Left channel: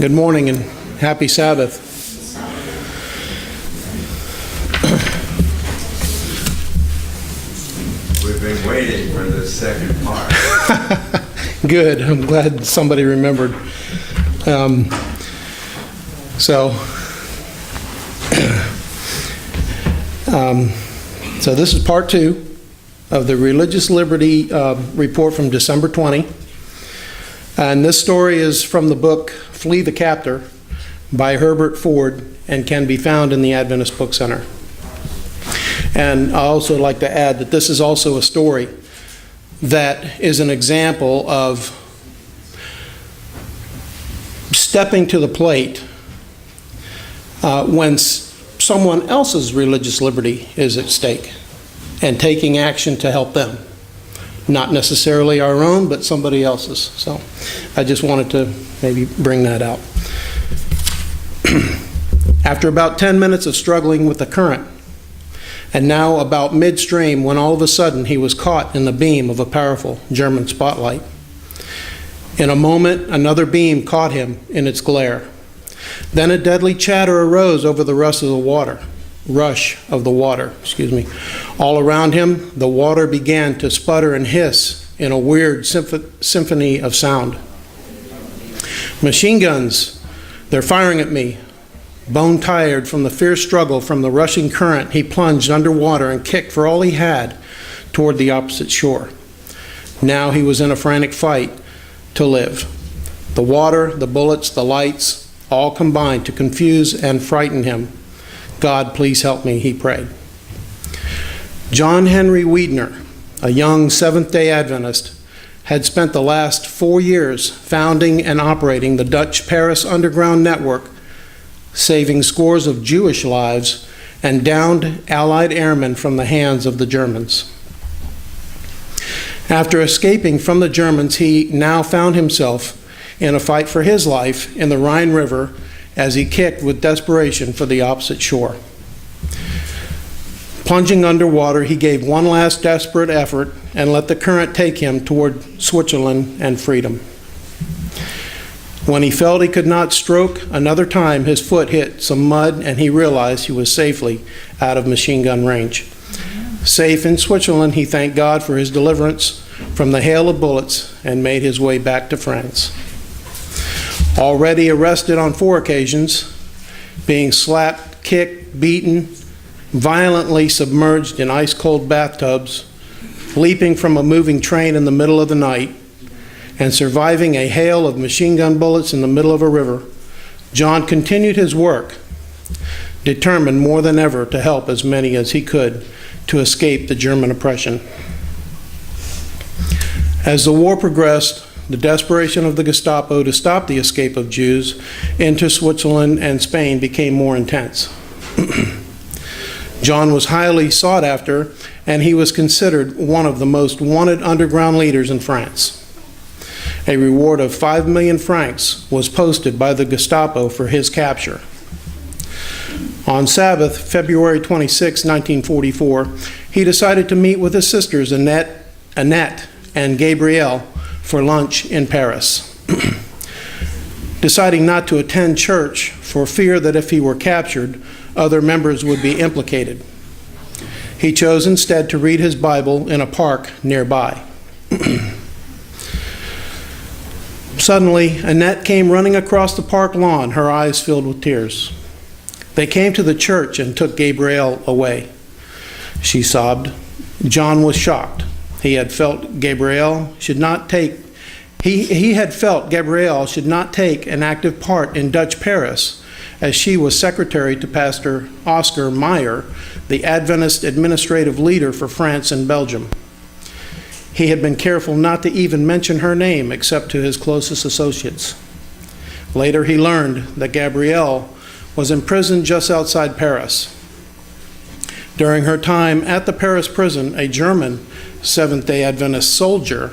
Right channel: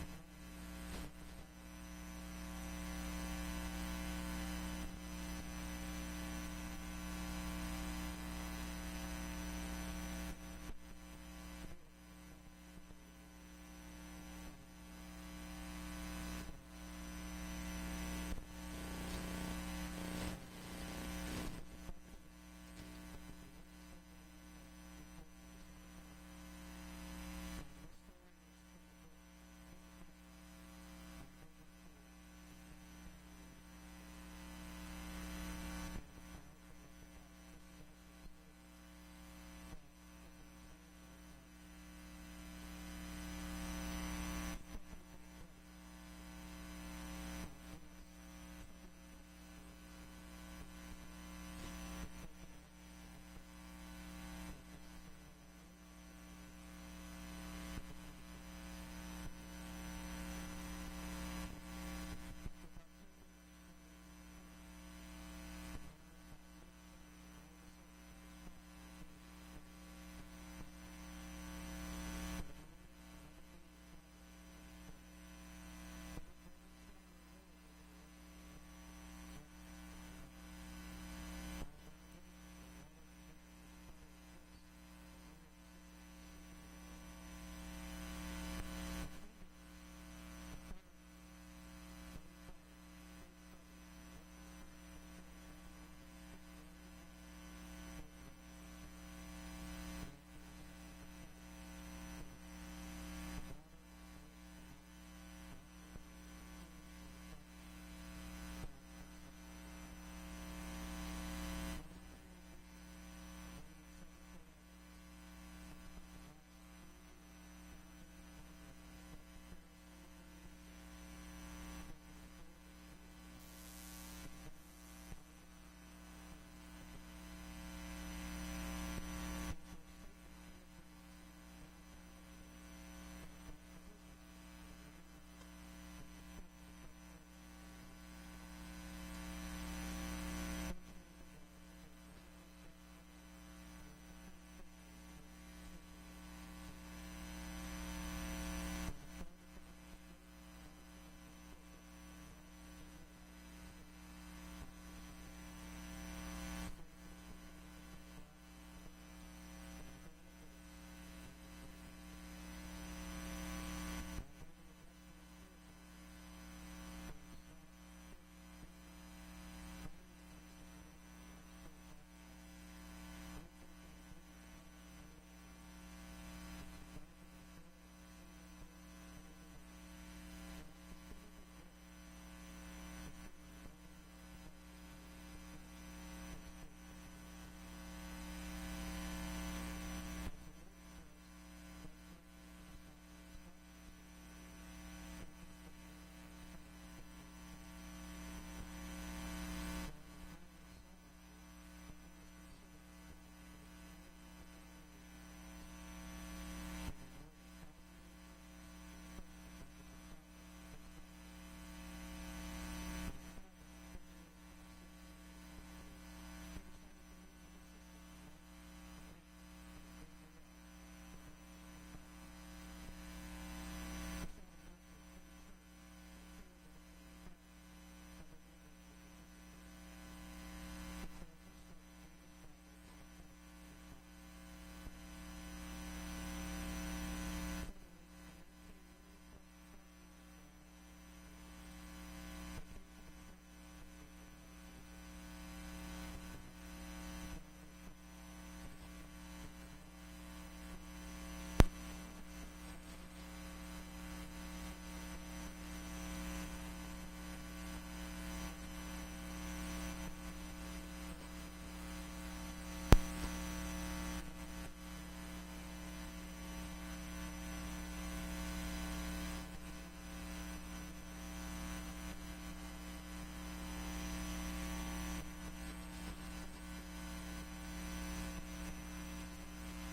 Good morning and happy Sabbath. We've been waiting for the second part. Good. I'm glad somebody remembered. So this is part 2 of the Religious Liberty report from December 20. And this story is from the book Flee the Captor by Herbert Ford and can be found in the Adventist Book Center. And I also like to add that this is also a story that is an example of stepping to the plate when someone else's religious liberty is at stake and taking action to help them. Not necessarily our own, but somebody else's. So I just wanted to maybe bring that out. After about 10 minutes of struggling with the current, and now about midstream, when all of a sudden he was caught in the beam of a powerful German spotlight. In a moment, another beam caught him in its glare. Then a deadly chatter arose over the rush of the water. All around him, the water began to sputter and hiss in a weird symphony of sound. Machine guns, they're firing at me. Bone-tired from the fierce struggle from the rushing current, he plunged underwater and kicked for all he had toward the opposite shore. Now he was in a frantic fight to live. The water, the bullets, the lights, all combined to confuse and frighten him. God, please help me, he prayed. John Henry Wiedner, a young Seventh-day Adventist, had spent the last 4 years founding and operating the Dutch Paris Underground Network, saving scores of Jewish lives and downed Allied airmen from the hands of the Germans. After escaping from the Germans, he now found himself in a fight for his life in the Rhine River as he kicked with desperation for the opposite shore. Plunging underwater, he gave one last desperate effort and let the current take him toward Switzerland and freedom. When he felt he could not stroke another time, his foot hit some mud and he realized he was safely out of machine gun range. Safe in Switzerland, he thanked God for his deliverance from the hail of bullets and made his way back to France. Already arrested on 4 occasions, being slapped, kicked, beaten, violently submerged in ice-cold bathtubs, leaping from a moving train in the middle of the night, and surviving a hail of machine gun bullets in the middle of a river, John continued his work, determined more than ever to help as many as he could to escape the German oppression. As the war progressed, the desperation of the Gestapo to stop the escape of Jews into Switzerland and Spain became more intense. John was highly sought after, and he was considered one of the most wanted underground leaders in France. A reward of 5 million francs was posted by the Gestapo for his capture. On Sabbath, February 26, 1944, he decided to meet with his sisters Annette and Gabrielle for lunch in Paris. Deciding not to attend church for fear that if he were captured, other members would be implicated. He chose instead to read his Bible in a park nearby. Suddenly, Annette came running across the park lawn, her eyes filled with tears. They came to the church and took Gabrielle away. She sobbed. John was shocked. He had felt Gabrielle should not take an active part in Dutch Paris, as she was secretary to Pastor Oscar Meyer, the Adventist administrative leader for France and Belgium. He had been careful not to even mention her name except to his closest associates. Later he learned that Gabrielle was imprisoned just outside Paris. During her time at the Paris prison, a German Seventh-day Adventist soldier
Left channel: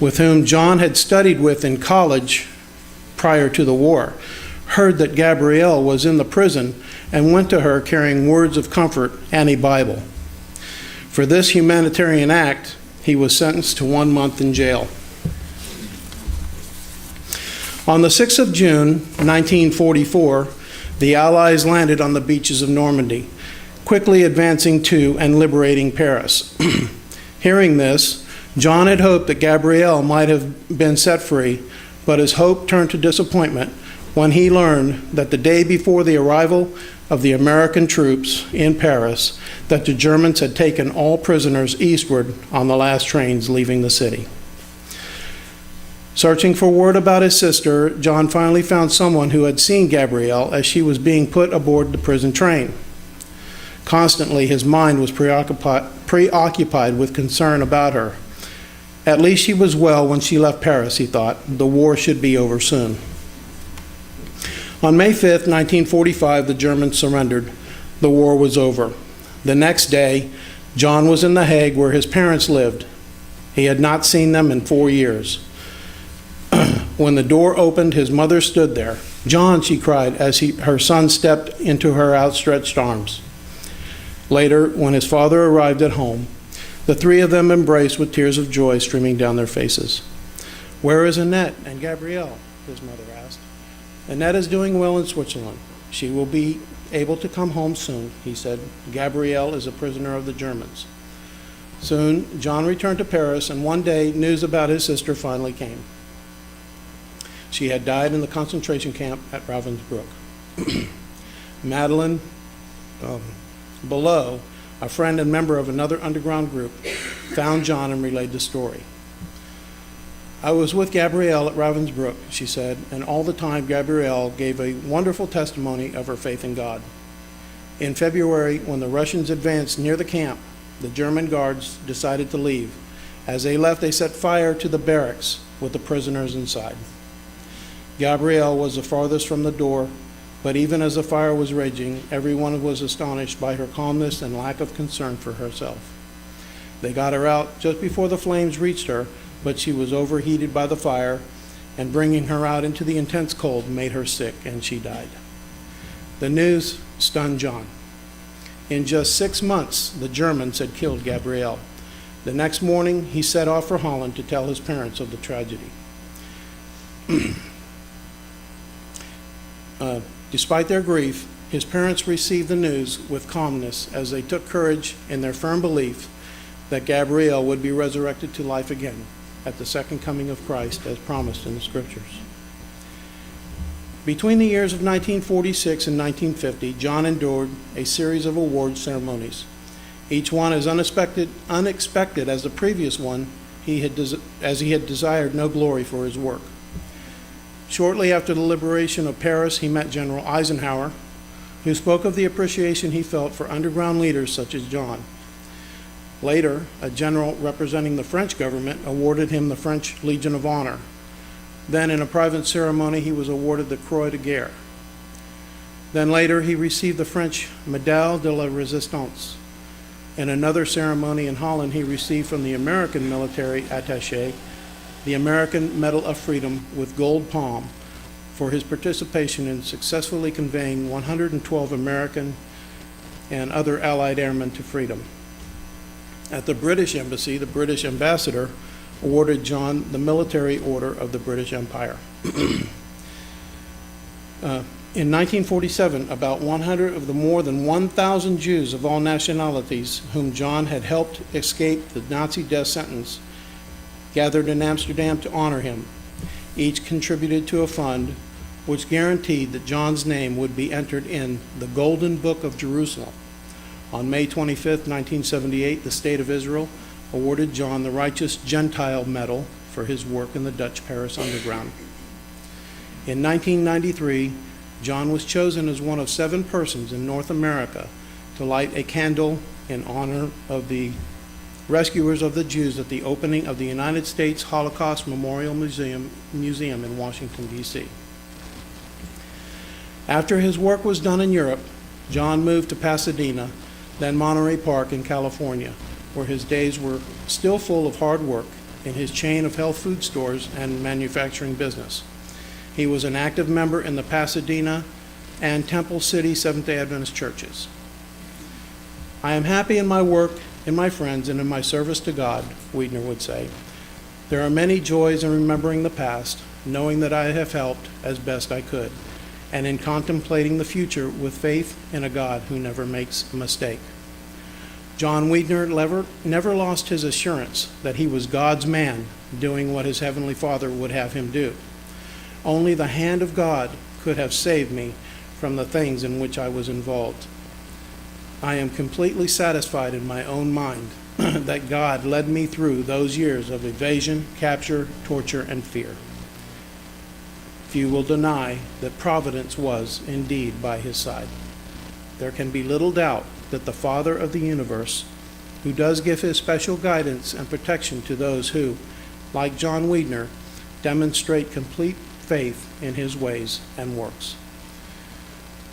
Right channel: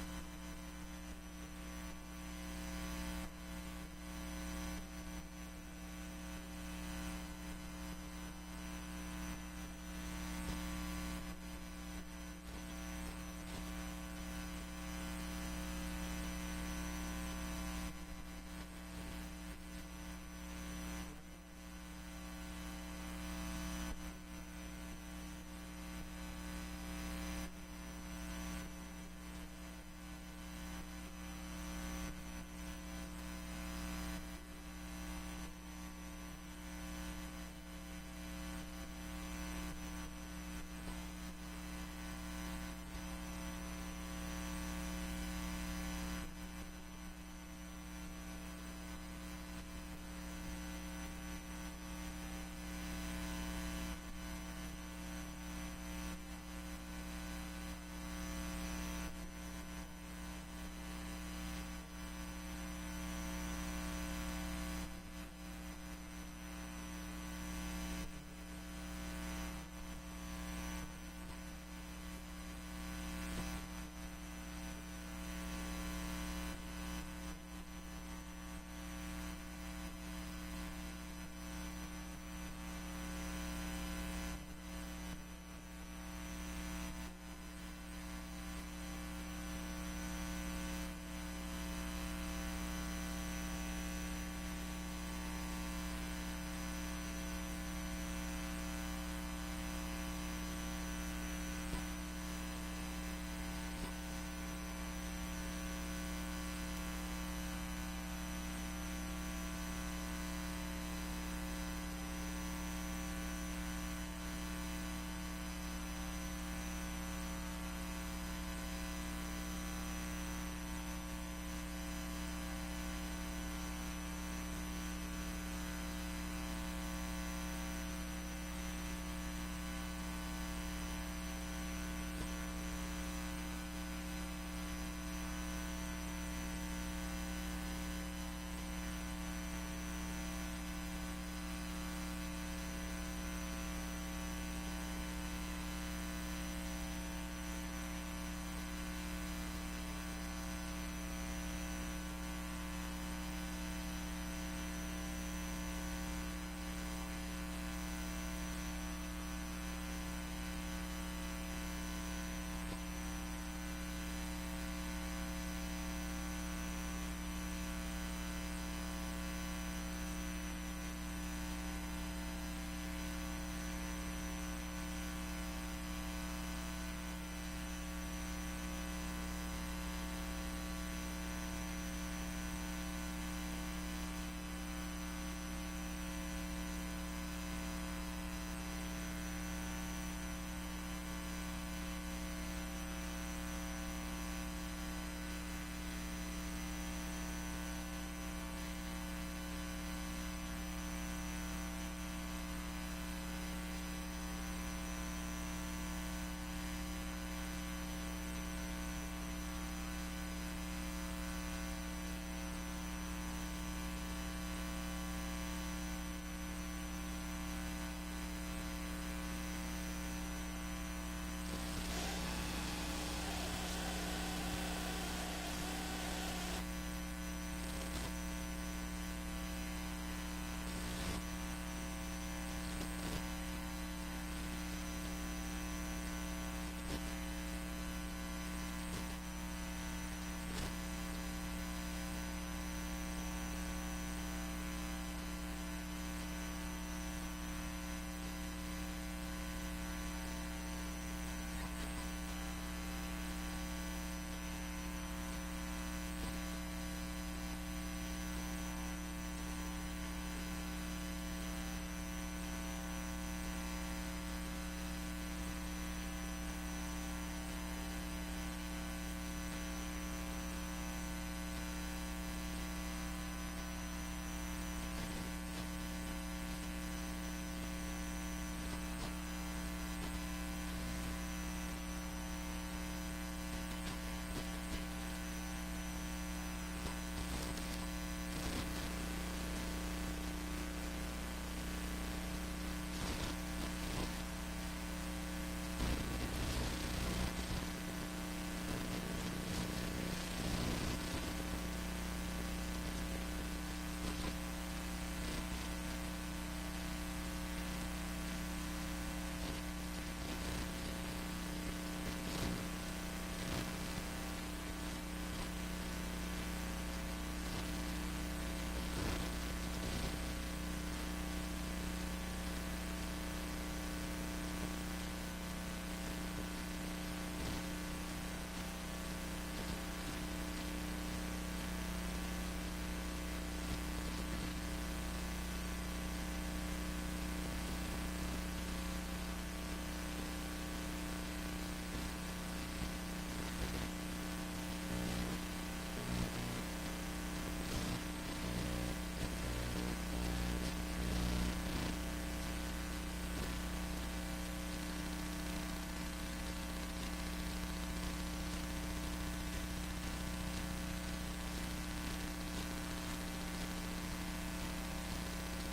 with whom John had studied with in college prior to the war, heard that Gabrielle was in the prison and went to her carrying words of comfort and a Bible. For this humanitarian act, he was sentenced to 1 month in jail. On the 6th of June, 1944, the Allies landed on the beaches of Normandy, quickly advancing to and liberating Paris. Hearing this, John had hoped that Gabrielle might have been set free, but his hope turned to disappointment when he learned that the day before the arrival of the American troops in Paris, that the Germans had taken all prisoners eastward on the last trains leaving the city. Searching for word about his sister, John finally found someone who had seen Gabrielle as she was being put aboard the prison train. Constantly, his mind was preoccupied with concern about her. At least she was well when she left Paris, he thought. The war should be over soon. On May 5th, 1945, the Germans surrendered. The war was over. The next day, John was in The Hague where his parents lived. He had not seen them in 4 years. When the door opened, his mother stood there. "John," she cried as her son stepped into her outstretched arms. Later, when his father arrived at home, the three of them embraced with tears of joy streaming down their faces. "Where is Annette and Gabrielle?" his mother asked. "Annette is doing well in Switzerland. She will be able to come home soon," he said. "Gabrielle is a prisoner of the Germans." Soon, John returned to Paris, and one day, news about his sister finally came. She had died in the concentration camp at Ravensbrück. Madeline Below, a friend and member of another underground group, found John and relayed the story. "I was with Gabrielle at Ravensbrück," she said, "and all the time Gabrielle gave a wonderful testimony of her faith in God. In February, when the Russians advanced near the camp, the German guards decided to leave. As they left, they set fire to the barracks with the prisoners inside. Gabrielle was the farthest from the door, but even as the fire was raging, everyone was astonished by her calmness and lack of concern for herself. They got her out just before the flames reached her, but she was overheated by the fire, and bringing her out into the intense cold made her sick, and she died." The news stunned John. In just 6 months, the Germans had killed Gabrielle. The next morning, he set off for Holland to tell his parents of the tragedy. Despite their grief, his parents received the news with calmness as they took courage in their firm belief that Gabrielle would be resurrected to life again at the second coming of Christ as promised in the Scriptures. Between the years of 1946 and 1950, John endured a series of award ceremonies, each one as unexpected as the previous one, as he had desired no glory for his work. Shortly after the liberation of Paris, he met General Eisenhower, who spoke of the appreciation he felt for underground leaders such as John. Later, a general representing the French government awarded him the French Legion of Honor. Then, in a private ceremony, he was awarded the Croix de Guerre. Then later, he received the French Médaille de la Résistance. In another ceremony in Holland, he received from the American military attaché the American Medal of Freedom with gold palm for his participation in successfully conveying 112 American and other Allied airmen to freedom. At the British Embassy, the British ambassador awarded John the Military Order of the British Empire. In 1947, about 100 of the more than 1,000 Jews of all nationalities whom John had helped escape the Nazi death sentence gathered in Amsterdam to honor him. Each contributed to a fund which guaranteed that John's name would be entered in the Golden Book of Jerusalem. On May 25, 1978, the State of Israel awarded John the Righteous Gentile Medal for his work in the Dutch Paris Underground. In 1993, John was chosen as one of 7 persons in North America to light a candle in honor of the rescuers of the Jews at the opening of the United States Holocaust Memorial Museum in Washington, D.C. After his work was done in Europe, John moved to Pasadena, then Monterey Park in California, where his days were still full of hard work in his chain of health food stores and manufacturing business. He was an active member in the Pasadena and Temple City Seventh-day Adventist churches. "I am happy in my work, in my friends, and in my service to God," Wiedner would say. "There are many joys in remembering the past, knowing that I have helped as best I could, and in contemplating the future with faith in a God who never makes a mistake. John Wiedner never lost his assurance that he was God's man doing what his Heavenly Father would have him do. Only the hand of God could have saved me from the things in which I was involved. I am completely satisfied in my own mind that God led me through those years of evasion, capture, torture, and fear. Few will deny that providence was indeed by his side. There can be little doubt that the Father of the universe, who does give his special guidance and protection to those who, like John Wiedner, demonstrate complete faith in his ways and works.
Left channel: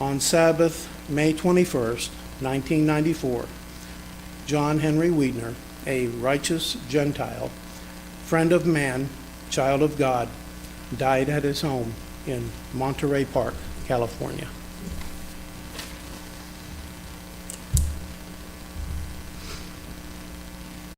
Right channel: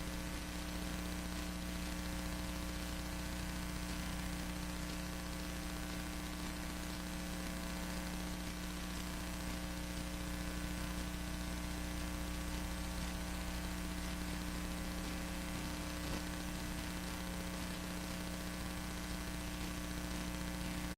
On Sabbath, May 21st, 1994, John Henry Wiedner, a righteous Gentile, friend of man, child of God, died at his home in Monterey Park, California.